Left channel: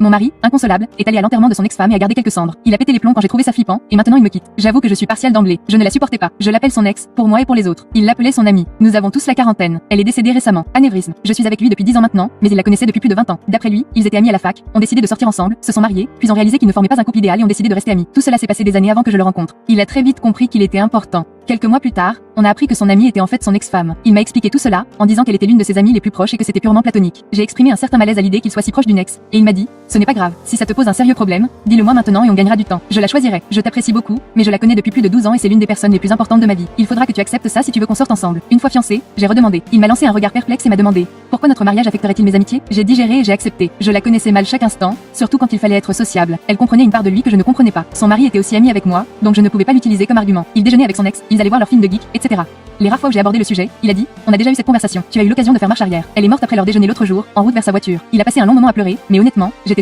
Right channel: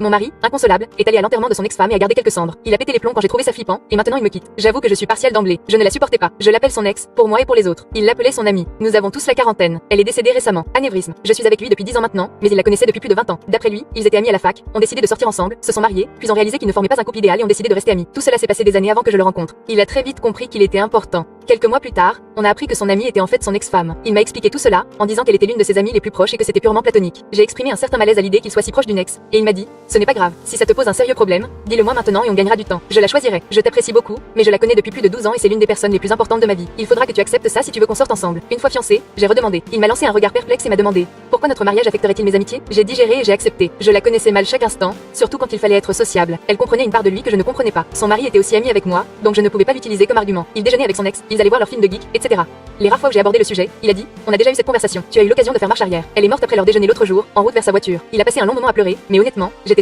Mon mari, inconsolable, est allé à l'enterrement de son ex-femme et a gardé quelques cendres. Il a pété les plombs quand j'ai trouvé ça flippant, et maintenant il me quitte. J'avoue que je suis partielle d'emblée. Je ne la supportais pas. Je l'appelle son ex, pour moi et pour les autres. Il l'appelait son ami. Nous avons tous la quarantaine. Elle est décédée récemment. Anévrisme. Je suis avec lui depuis 10 ans maintenant, mais il la connaissait depuis plus de 20 ans. D'après lui, ils étaient amis à la fac, ont décidé de sortir ensemble, se sont mariés, puis ont réalisé qu'ils ne formaient pas un couple idéal et ont décidé de rester amis. Tout cela s'est passé des années avant que je le rencontre. Il a très vite compris qu'il était important. Quelques mois plus tard, on a appris que son amie était en fait son ex-femme. Il m'a expliqué tout cela, en disant qu'elle était l'une de ses amies les plus proches et que c'était purement platonique. J'ai exprimé un certain malaise à l'idée qu'il soit si proche d'une ex, et il m'a dit, ce n'est pas grave, si ça te pose un sérieux problème, dis-le-moi maintenant et on gagnera du temps. Je la choisirai. Je t'apprécie beaucoup, mais je la connais depuis plus de 12 ans et c'est l'une des personnes les plus importantes de ma vie. Il faudra que tu acceptes ça si tu veux qu'on sorte ensemble. Une fois fiancés, j'ai redemandé. Il m'a lancé un regard perplexe et m'a demandé, pourquoi notre mariage affecterait-il mes amitiés? J'ai digéré et j'ai accepté. Je la connaissais mal chaque instant, surtout quand il fallait être sociable. Elle comprenait une part de lui que je ne comprenais pas. Son mari était aussi ami avec moi, donc je ne pouvais pas l'utiliser comme argument. Il déjeunait avec son ex, ils allaient voir leur film de geek, etc. Les rares fois où j'ai abordé le sujet, il a dit, on a déjà eu cette conversation. Tu as eu l'occasion de faire marche arrière. Elle est morte après leur déjeuner l'autre jour, en route vers sa voiture. Il a passé un long moment à pleurer, mais honnêtement, j'étais